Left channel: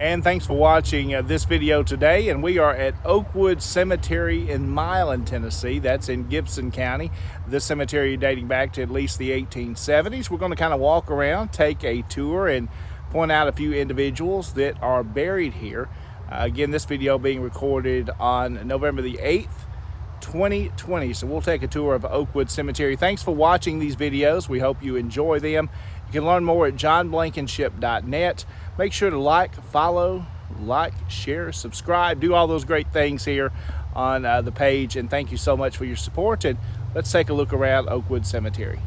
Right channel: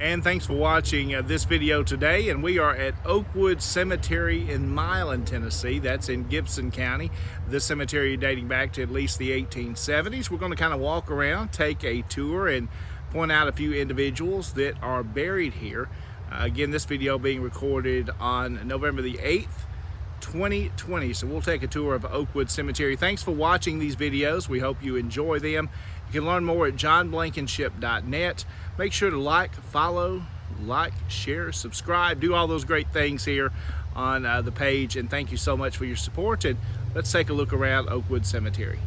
And thanks for watching this video today. And we are at Oakwood Cemetery in Milan, Tennessee. That's in Gibson County. This cemetery dating back to at least the 1870s. We're going to kind of walk around, take a tour, and point out a few individuals that are buried here. Again, this video being recorded on November the 8th, 2020. So we'll take a tour of Oakwood Cemetery. Thanks for watching these videos. We hope you enjoy them. You can learn more at johnblankenship.net. Make sure to like, follow, share, subscribe, do all those great things here on the page. And thank you so much for your support. And let's take a look around Oakwood Cemetery.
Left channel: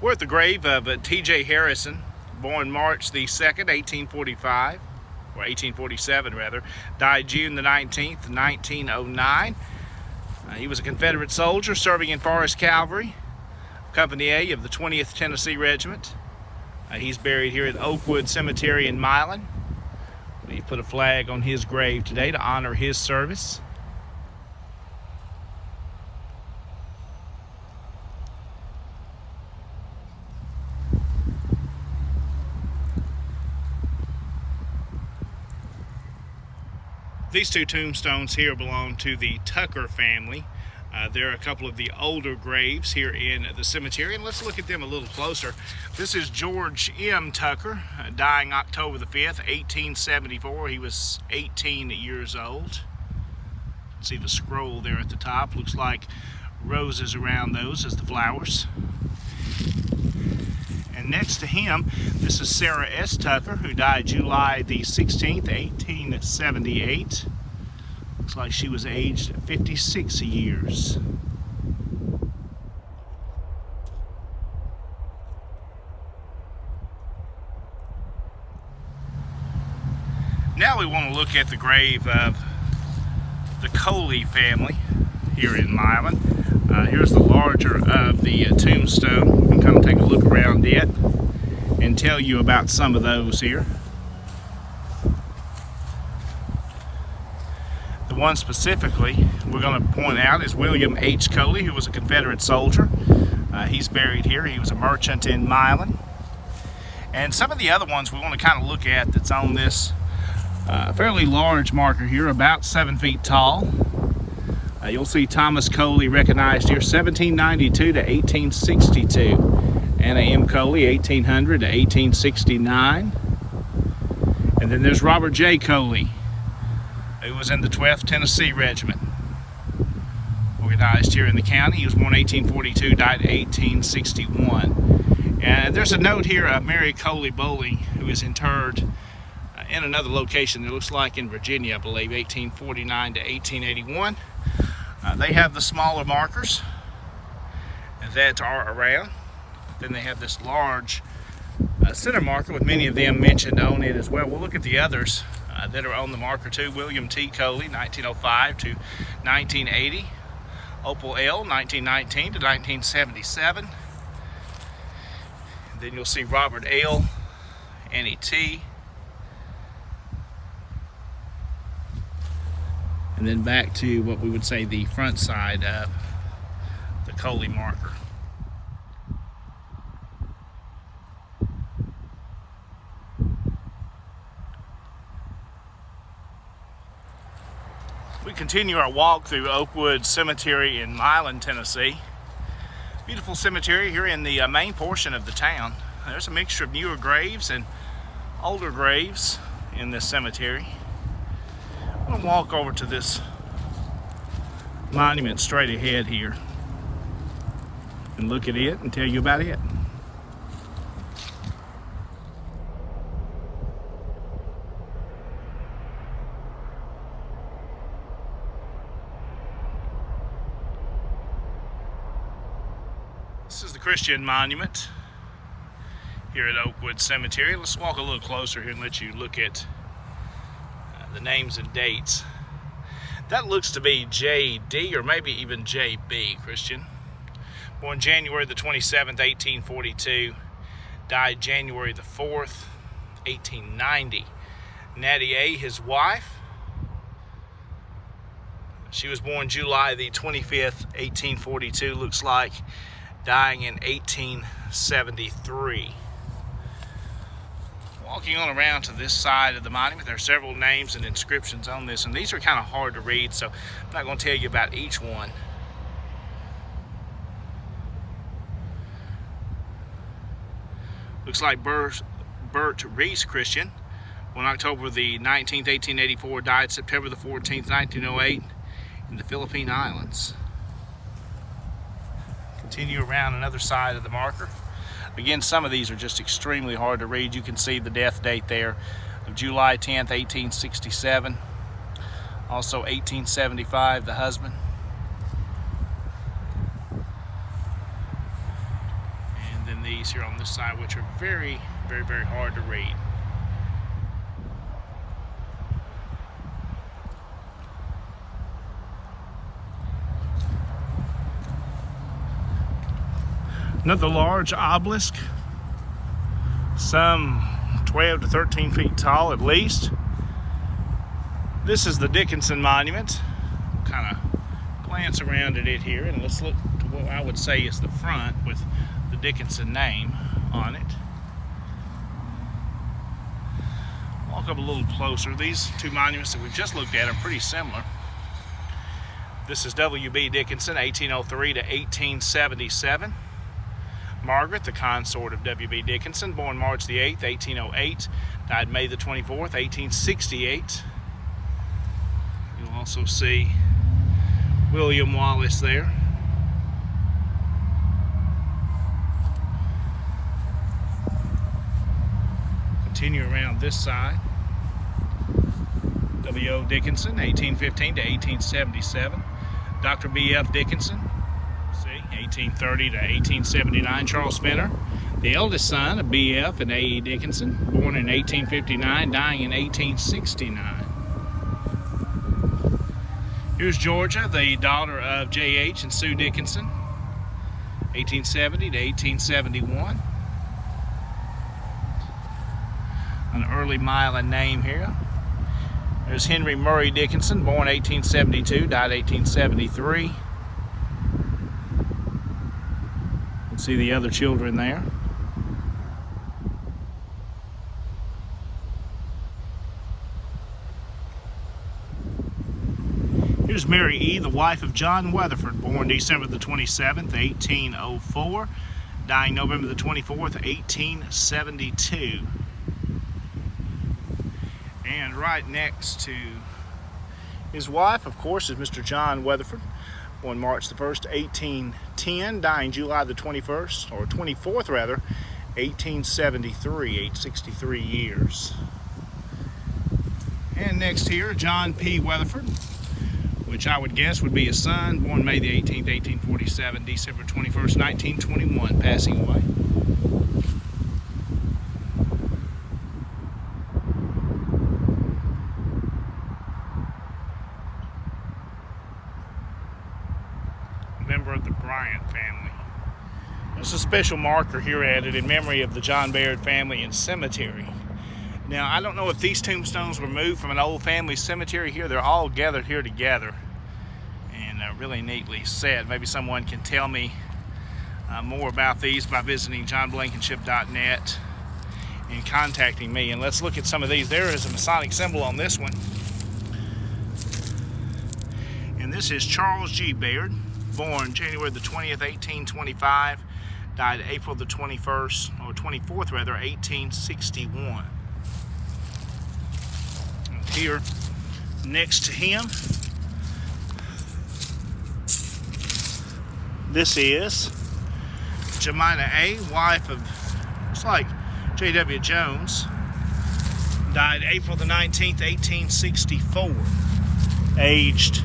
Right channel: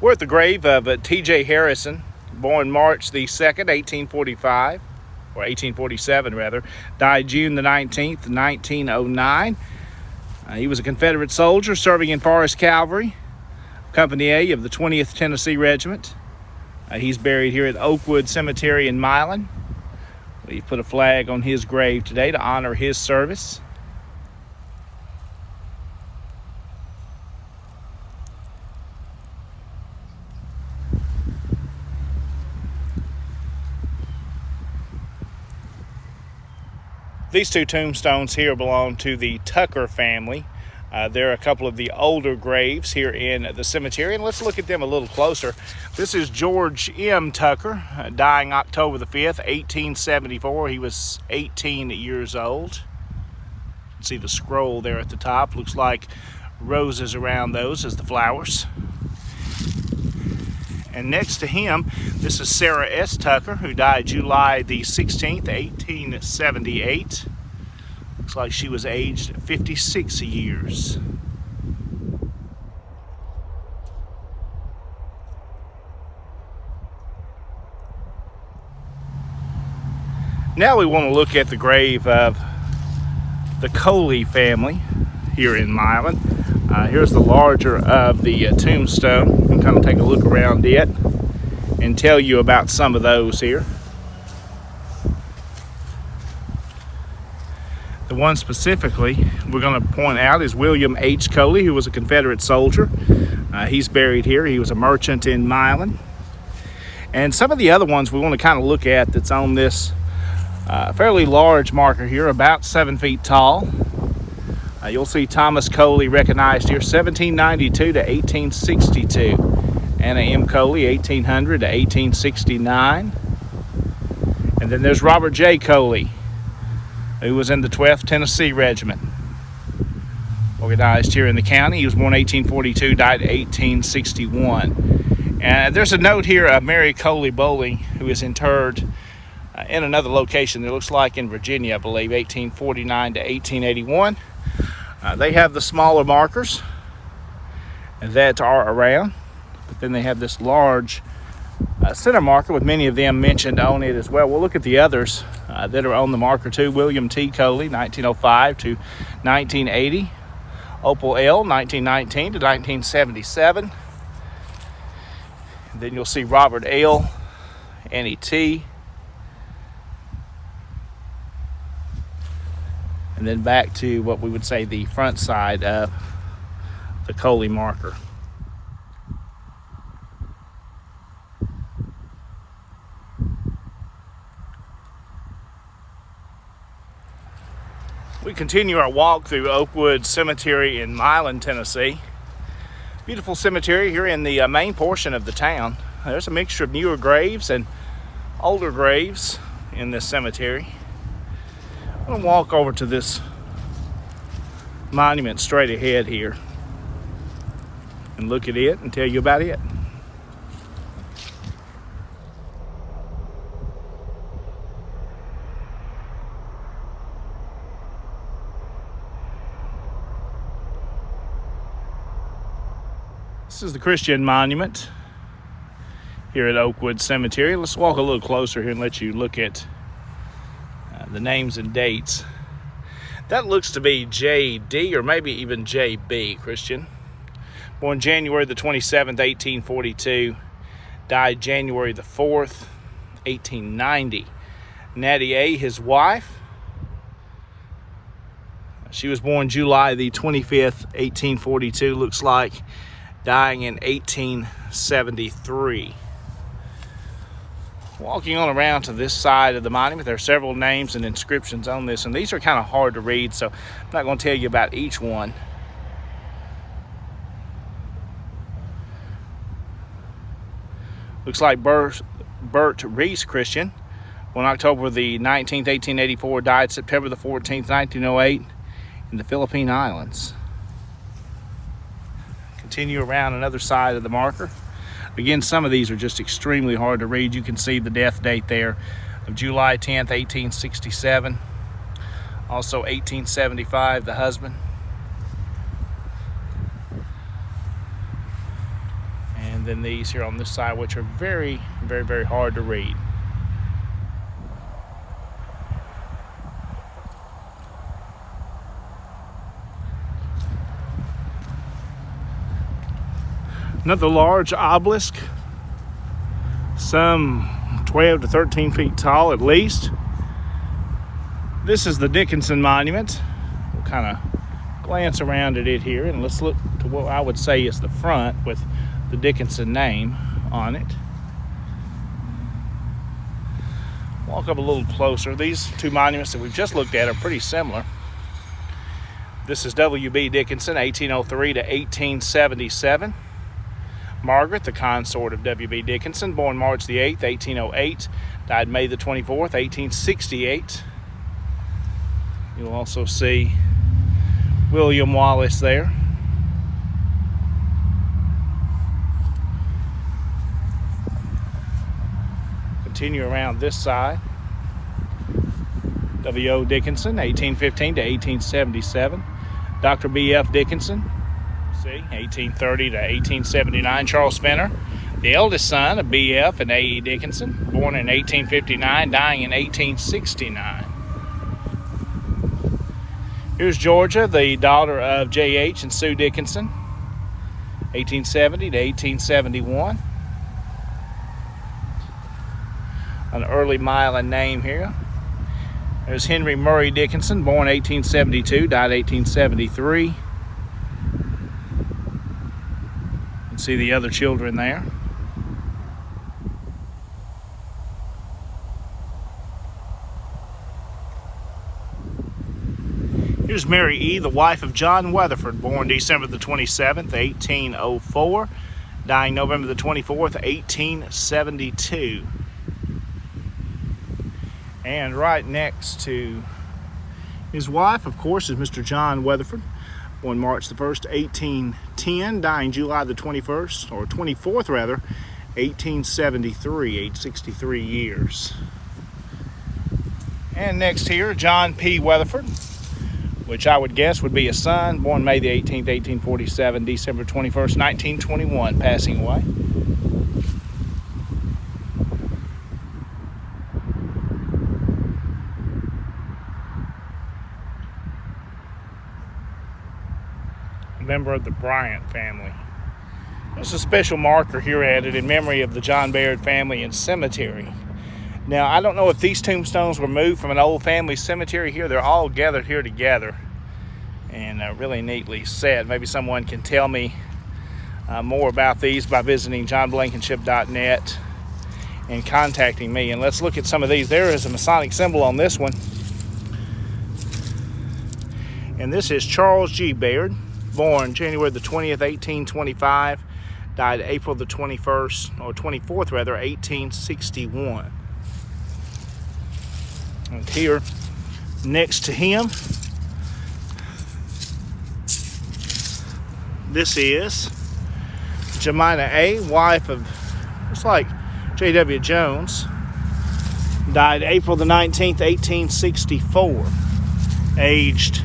We're at the grave of T.J. Harrison, born March the 2nd, 1845, or 1847 rather, died June the 19th, 1909. He was a Confederate soldier serving in Forest Cavalry, Company A of the 20th Tennessee Regiment. He's buried here at Oakwood Cemetery in Milan. We put a flag on his grave today to honor his service. These two tombstones here belong to the Tucker family. There are a couple of the older graves here in the cemetery, and let's look at them a little closer. This is George M. Tucker, dying October the 5th, 1874. He was 18 years old. You can see the scroll there at the top. Looks like roses around those as the flowers. And next to him, this is Sarah S. Tucker, who died July the 16th, 1878. Looks like she was aged 56 years. Now we want to look at the grave of the Kohli family here in Milan. Here's the larger of the tombstone. We'll kind of take a look around it and tell you about some of those here. The one specifically we're going to point out is William H. Coley, who was a Confederate soldier. He's buried here. He was a merchant in Milan. And some of the other ones we want to kind of look at that's on this fairly large marker here, about 7 feet tall. You'll see Thomas Kohli recognized here, 1792 to 1862. Anna M. Coley, 1800 to 1869. And then there's Robert J. Coley, who was in the 12th Tennessee Regiment, organized here in the county. He was born 1842, died 1861. And there's a note here of Mary Coley Bowling, who is interred in another location. It looks like in Virginia, I believe, 1849 to 1881. They have the smaller markers that are around, but then they have this large center marker with many of them mentioned on it as well. We'll look at the others that are on the marker too. William T. Coley, 1905 to 1980. Opal L, 1919 to 1977. And then you'll see Robert L., Annie T., and then back to what we would say the front side of the Kohli marker. We continue our walk through Oakwood Cemetery in Milan, Tennessee. Beautiful cemetery here in the main portion of the town. There's a mixture of newer graves and older graves in this cemetery. I'm going to walk over to this monument straight ahead here and look at it and tell you about it. This is the Christian monument here at Oakwood Cemetery. Let's walk a little closer here and let you look at the names and dates. That looks to be J.D. or maybe even J.B. Christian. Born January the 27th, 1842. Died January the 4th, 1890. Natty A., his wife. She was born July the 25th, 1842, looks like, dying in 1873. Walking on around to this side of the monument, there are several names and inscriptions on this, and these are kind of hard to read, so I'm not going to tell you about each one. Looks like Bert Reese Christian, born October the 19th, 1884, died September the 14th, 1908, in the Philippine Islands. Continue around another side of the marker. Again, some of these are just extremely hard to read. You can see the death date there of July 10th, 1867. Also 1875, the husband. And then these here on this side, which are very, very, very hard to read. Another large obelisk, some 12 to 13 feet tall at least. This is the Dickinson Monument. We'll kind of glance around at it here, and let's look to what I would say is the front with the Dickinson name on it. Walk up a little closer. These two monuments that we've just looked at are pretty similar. This is W.B. Dickinson, 1803 to 1877. Margaret, the consort of W.B. Dickinson, born March the 8th, 1808, died May the 24th, 1868. You'll also see William Wallace there. Continue around this side. W.O. Dickinson, 1815 to 1877. Dr. B.F. Dickinson, 1830 to 1879, Charles Spinner, the eldest son of B.F. and A.E. Dickinson, born in 1859, dying in 1869. Here's Georgia, the daughter of J.H. and Sue Dickinson, 1870 to 1871. An early Milan name here. There's Henry Murray Dickinson, born 1872, died 1873. See the other children there. Here's Mary E., the wife of John Weatherford, born December the 27th, 1804, dying November the 24th, 1872. And right next to his wife, of course, is Mr. John Weatherford, born March the 1st, 1810, dying July the 21st, or 24th rather, 1873, age 63 years. And next here, John P. Weatherford, which I would guess would be a son, born May the 18th, 1847, December 21st, 1921, passing away. Member of the Bryant family. There's a special marker here added in memory of the John Baird family and cemetery. Now, I don't know if these tombstones were moved from an old family cemetery here. They're all gathered here together and really neatly set. Maybe someone can tell me more about these by visiting johnblankenship.net and contacting me. And let's look at some of these. There is a Masonic symbol on this one. And this is Charles G. Baird, born January the 20th, 1825, died April the 21st, or 24th rather, 1861. And here, next to him, this is Jemina A., wife of, looks like J.W. Jones, died April the 19th, 1864, aged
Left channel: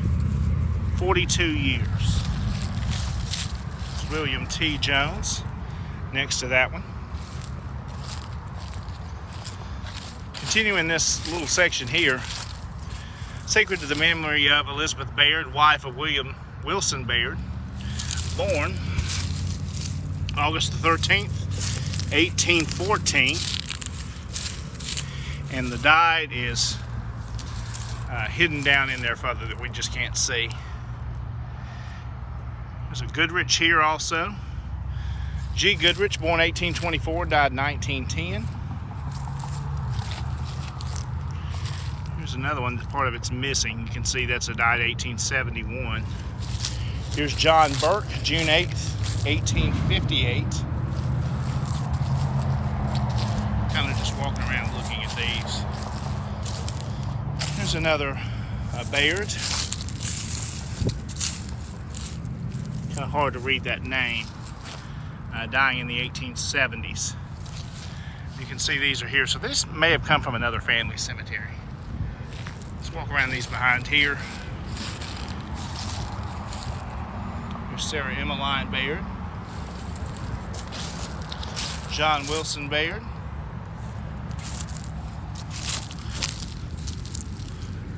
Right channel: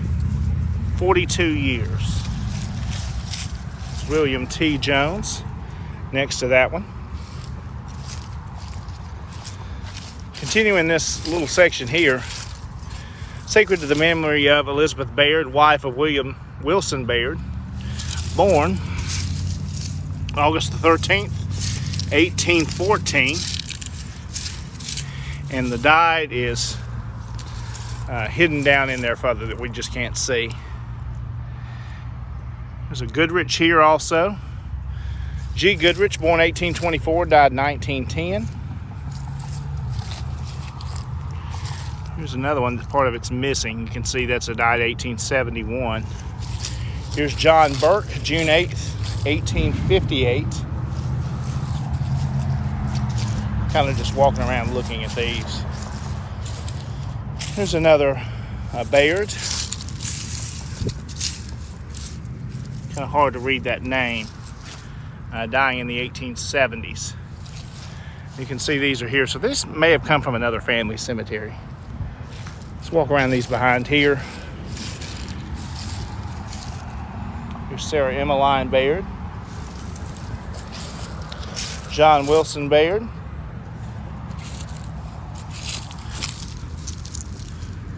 42 years. William T. Jones next to that one. Continuing this little section here, sacred to the memory of Elizabeth Baird, wife of William Wilson Baird, born August the 13th, 1814, and the died is hidden down in there further that we just can't see. There's a Goodrich here also. G. Goodrich, born 1824, died 1910. Here's another one that part of it's missing. You can see that's a died 1871. Here's John Burke, June 8th, 1858. Kind of just walking around looking at these. Here's another Baird. Kind of hard to read that name. Dying in the 1870s. You can see these are here. So this may have come from another family cemetery. Let's walk around these behind here. Here's Sarah Emmeline Baird. John Wilson Baird.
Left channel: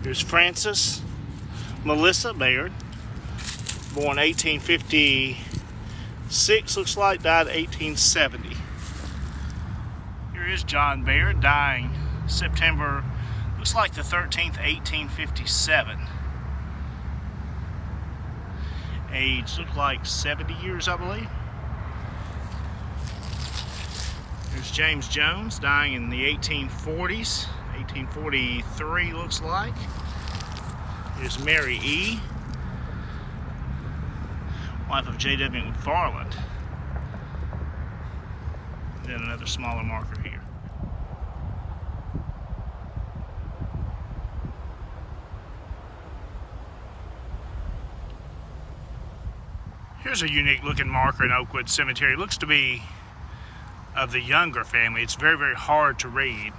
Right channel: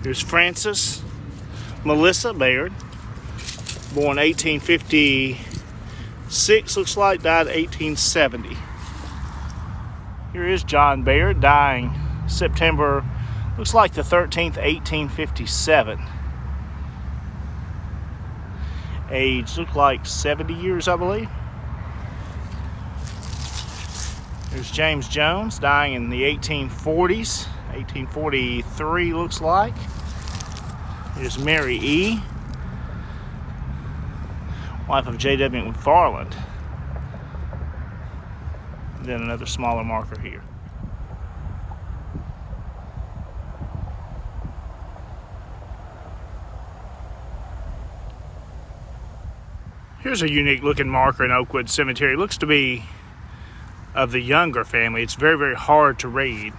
Here's Frances Melissa Baird, born 1856, looks like, died 1870. Here is John Baird, dying September, looks like the 13th, 1857. Age looked like 70 years, I believe. Here's James Jones, dying in the 1840s, 1843 looks like. Here's Mary E., wife of J.W. McFarland. And then another smaller marker here. Here's a unique looking marker in Oakwood Cemetery. It looks to be of the younger family. It's very, very hard to read.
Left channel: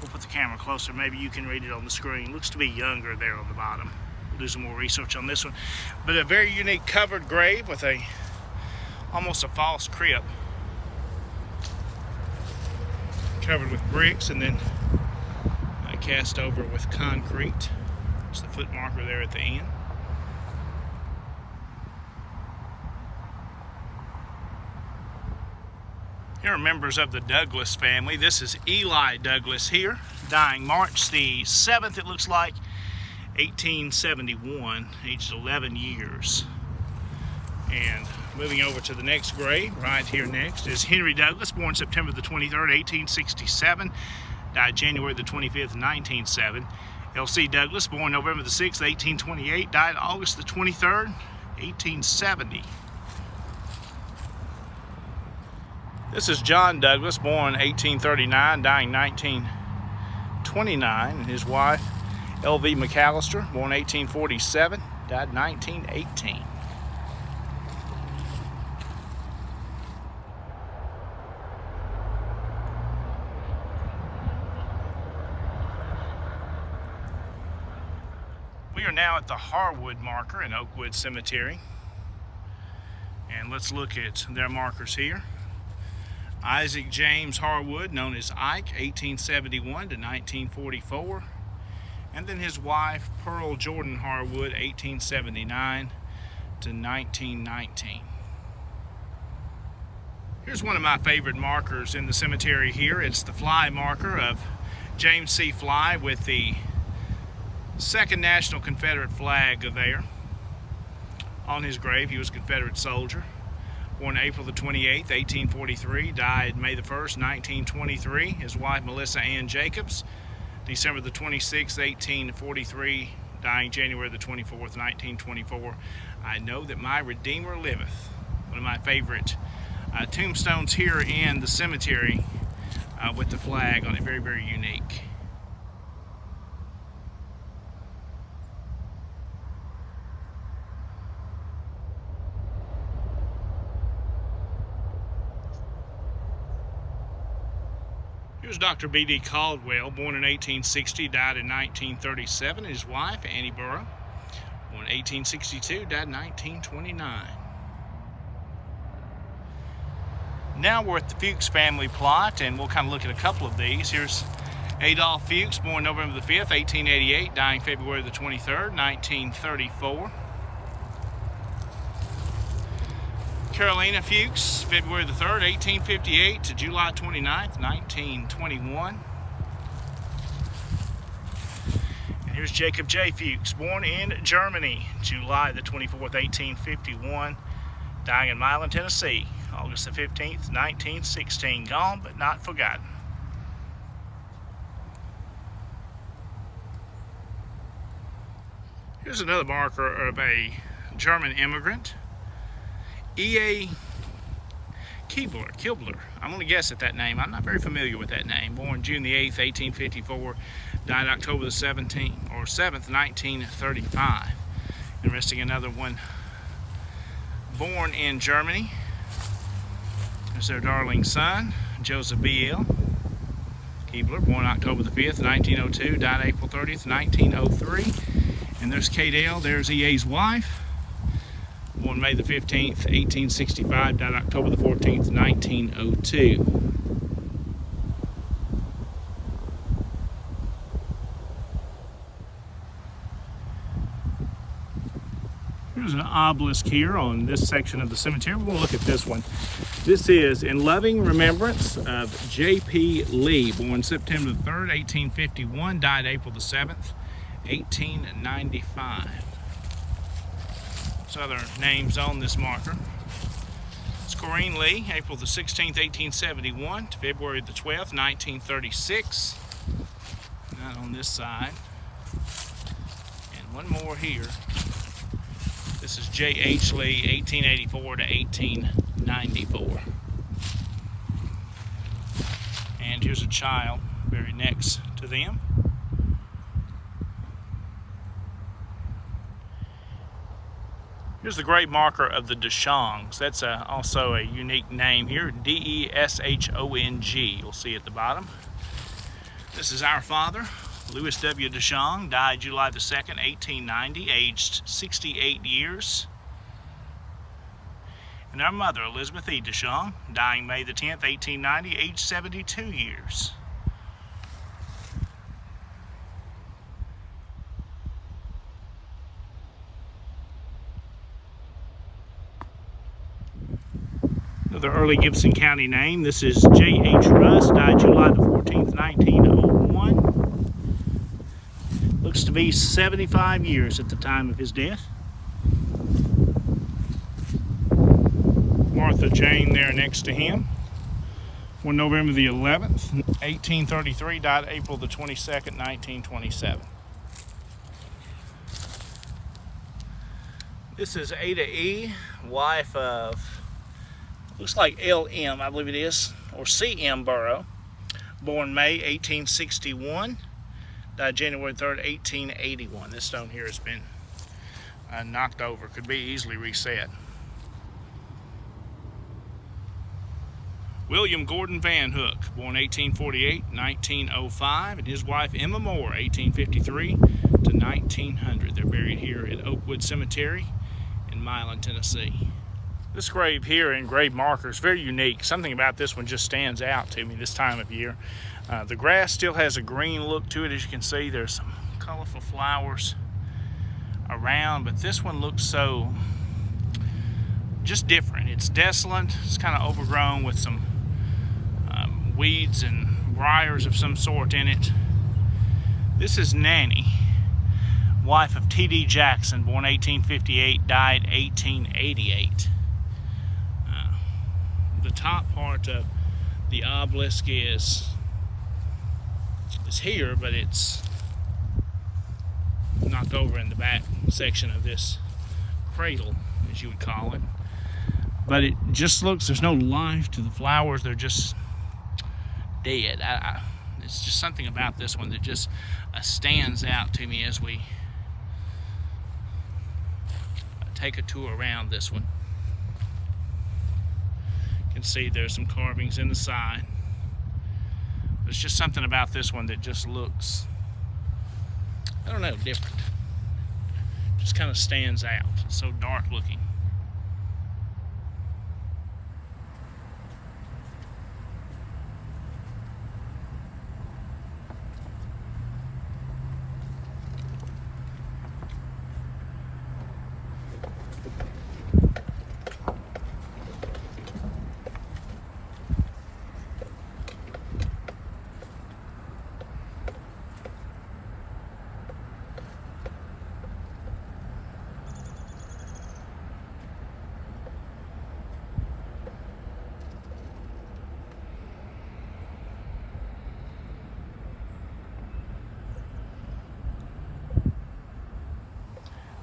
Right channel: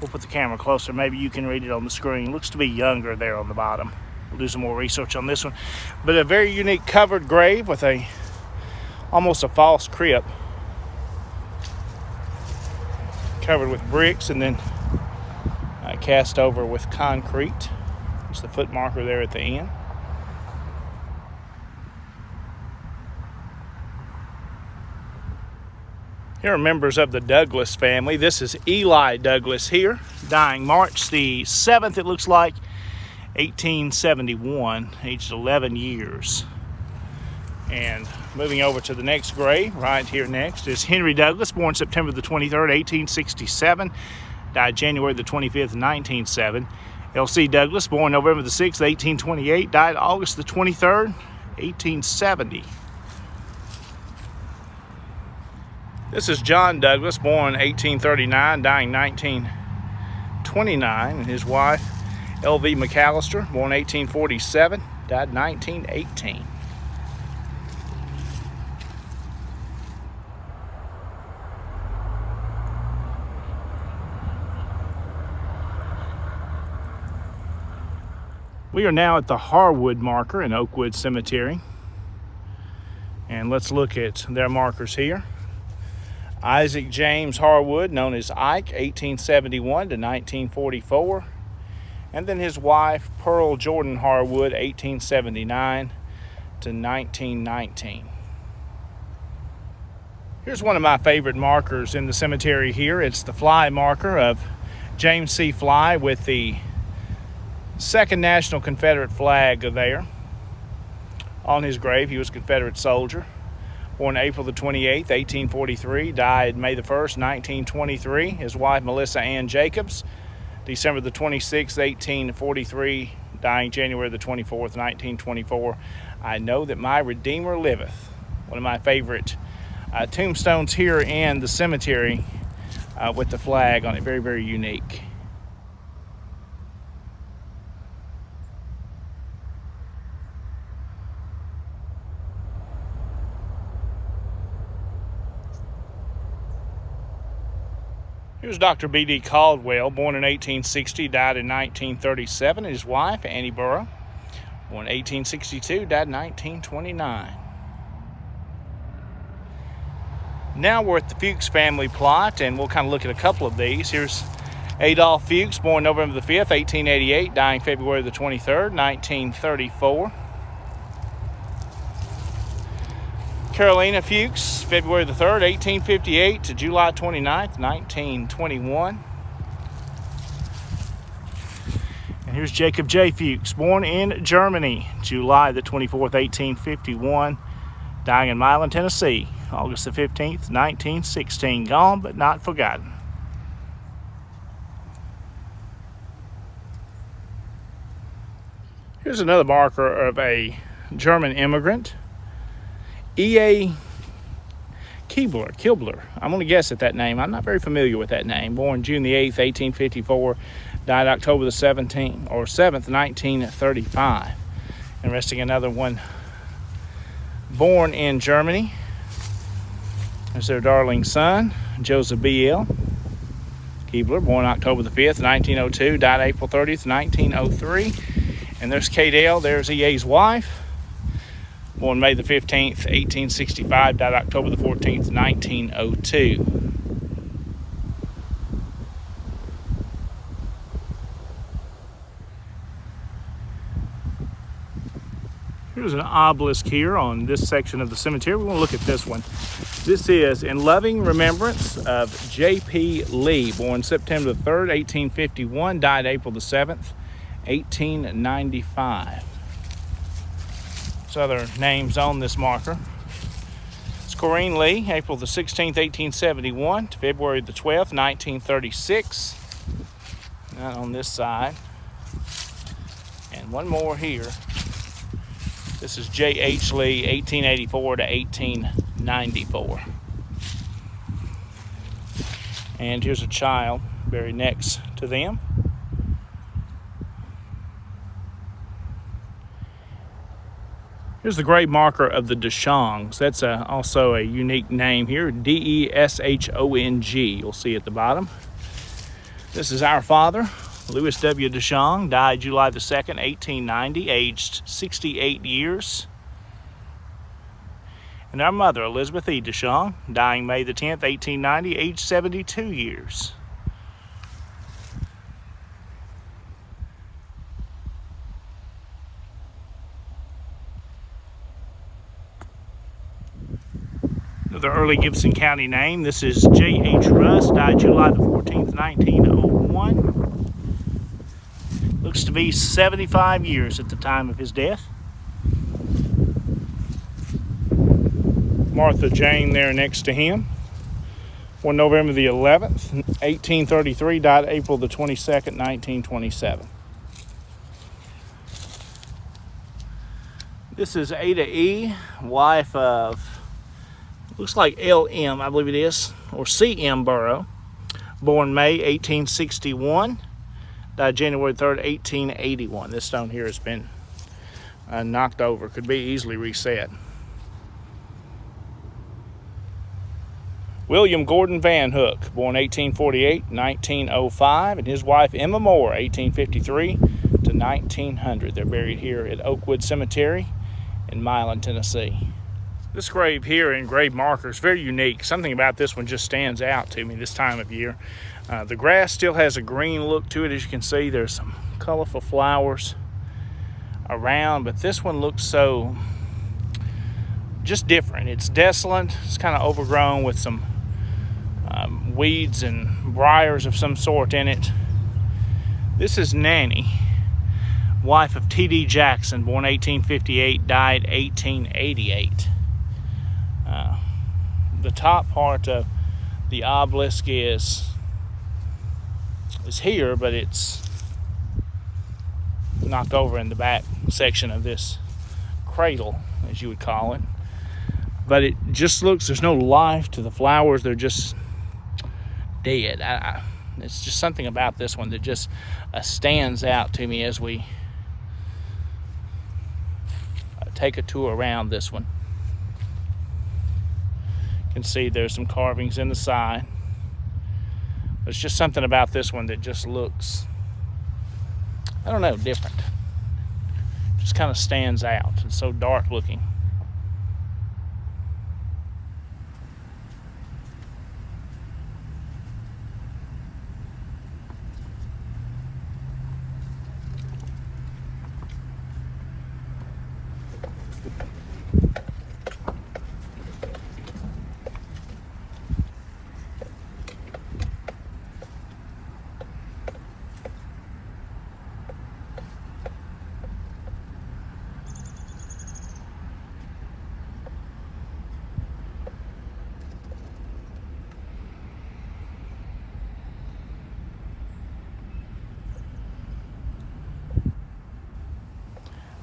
We'll put the camera closer. Maybe you can read it on the screen. It looks to be younger there on the bottom. We'll do some more research on this one. But a very unique covered grave with almost a false crypt. Covered with bricks and then cast over with concrete. There's the foot marker there at the end. Here are members of the Douglas family. This is Eli Douglas here, dying March the 7th, it looks like, 1871, aged 11 years. And moving over to the next grave, right here next, is Henry Douglas, born September the 23rd, 1867, died January the 25th, 1907. L.C. Douglas, born November the 6th, 1828, died August the 23rd, 1870. This is John Douglas, born 1839, dying 1929, and his wife, L.V. McAllister, born 1847, died 1918. We are now at the Harwood Marker in Oakwood Cemetery, and let's look at their markers here. Isaac James Harwood, known as Ike, 1871 to 1944. And then his wife, Pearl Jordan Harwood, 1879 to 1919. Here's one of my favorite markers in the cemetery here. It's the fly marker of James C. Fly with the 2nd National Confederate flag there on his grave. He was a Confederate soldier. Born April the 28th, 1843, died May the 1st, 1923. His wife, Melissa Ann Jacobs, December the 26th, 1843, dying January the 24th, 1924. I know that my Redeemer liveth. One of my favorite tombstones here in the cemetery with the flag on it. Very, very unique. Here's Dr. B.D. Caldwell, born in 1860, died in 1937. His wife, Annie Burrow, born in 1862, died in 1929. Now we're at the Fuchs family plot, and we'll kind of look at a couple of these. Here's Adolph Fuchs, born November the 5th, 1888, dying February the 23rd, 1934. Carolina Fuchs, February the 3rd, 1858 to July 29th, 1921. Here's Jacob J. Fuchs, born in Germany, July the 24th, 1851, dying in Milan, Tennessee, August the 15th, 1916. Gone but not forgotten. Here's another marker of a German immigrant, E.A. Kibler. I'm going to guess at that name. I'm not very familiar with that name. Born June the 8th, 1854. Died October the 7th, 1935. Interesting, another one born in Germany. There's their darling son, Joseph B.L. Keebler, born October the 5th, 1902. Died April 30th, 1903. And there's Kate L. There's E.A.'s wife. Born May the 15th, 1865. Died October the 14th, 1902. Here's an obelisk here on this section of the cemetery. We're going to look at this one. This is in loving remembrance of J.P. Lee, born September 3rd, 1851, died April the 7th, 1895. There's other names on this marker. It's Corrine Lee, April the 16th, 1871 to February the 12th, 1936. Not on this side. And one more here. This is J.H. Lee, 1884 to 1894. And here's a child buried next to them. Here's the grave marker of the Deschongs. That's also a unique name here, D-E-S-H-O-N-G. You'll see at the bottom. This is our father, Louis W. Deschong, died July the 2nd, 1890, aged 68 years. And our mother, Elizabeth E. Deschong, dying May the 10th, 1890, aged 72 years. Another early Gibson County name. This is J.H. Russ, died July the 14th, 1901. Looks to be 75 years at the time of his death. Martha Jane there next to him. Born November the 11th, 1833, died April the 22nd, 1927. This is Ada E., wife of, looks like L.M., I believe it is, or C.M. Burrow. Born May 1861. Died January 3rd, 1881. This stone here has been knocked over. Could be easily reset. William Gordon Van Hook, born 1848, 1905, and his wife Emma Moore, 1853 to 1900. They're buried here at Oakwood Cemetery in Milan, Tennessee. This grave here in grave marker is very unique. Something about this one just stands out to me this time of year. The grass still has a green look to it. As you can see, there's some colorful flowers around, but this one looks so just different. It's desolate. It's kind of overgrown with some weeds and briars of some sort in it. This is Nanny, wife of T.D. Jackson, born 1858, died 1888. The top part of the obelisk is here, but it's knocked over in the back section of this cradle, as you would call it. But it just looks, there's no life to the flowers. They're just dead. It's just something about this one that just stands out to me as we take a tour around this one. You can see there's some carvings in the side. There's just something about this one that just looks, I don't know, different. Just kind of stands out. It's so dark looking.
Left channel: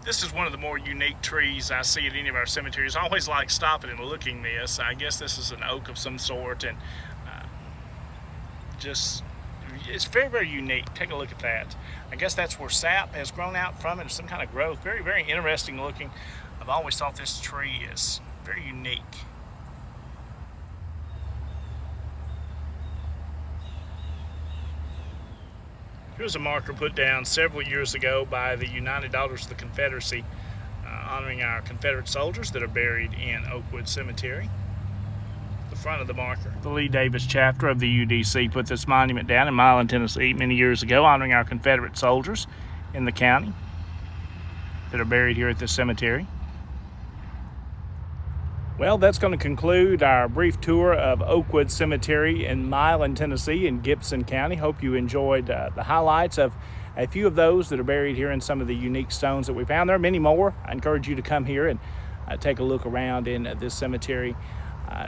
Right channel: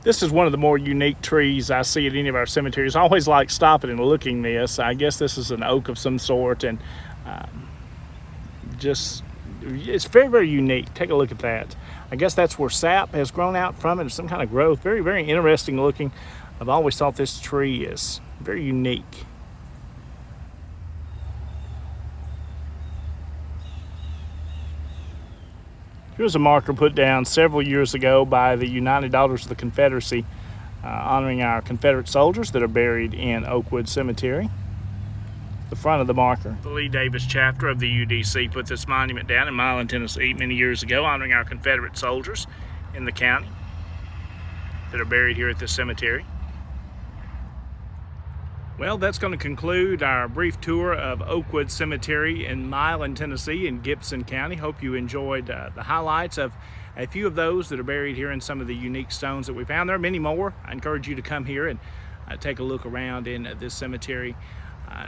This is one of the more unique trees I see at any of our cemeteries. I always like stopping and looking this. I guess this is an oak of some sort, and it's very, very unique. Take a look at that. I guess that's where sap has grown out from it, some kind of growth. Very, very interesting looking. I've always thought this tree is very unique. Here's a marker put down several years ago by the United Daughters of the Confederacy, honoring our Confederate soldiers that are buried in Oakwood Cemetery. The front of the marker. The Lee Davis chapter of the UDC put this monument down in Milan, Tennessee many years ago, honoring our Confederate soldiers in the county that are buried here at this cemetery. Well, that's going to conclude our brief tour of Oakwood Cemetery in Milan, Tennessee in Gibson County. Hope you enjoyed the highlights of a few of those that are buried here in some of the unique stones that we found. There are many more. I encourage you to come here and take a look around in this cemetery.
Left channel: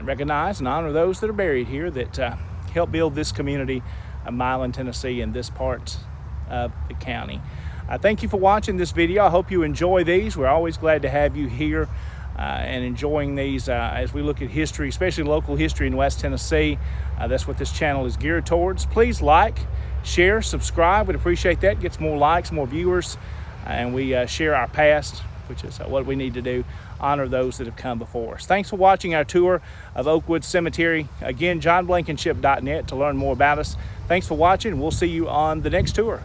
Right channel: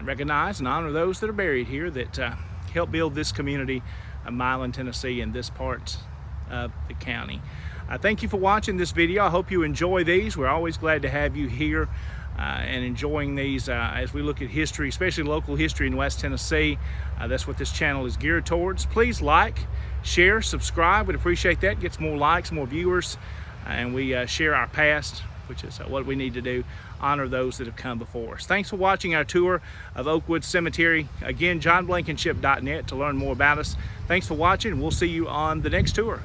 Recognize and honor those that are buried here that help build this community of Milan, Tennessee, and this part of the county. Thank you for watching this video. I hope you enjoy these. We're always glad to have you here and enjoying these as we look at history, especially local history in West Tennessee. That's what this channel is geared towards. Please like, share, subscribe. We'd appreciate that. Gets more likes, more viewers, and we share our past, which is what we need to do. Honor those that have come before us. Thanks for watching our tour of Oakwood Cemetery. Again, JohnBlankenship.net to learn more about us. Thanks for watching. We'll see you on the next tour.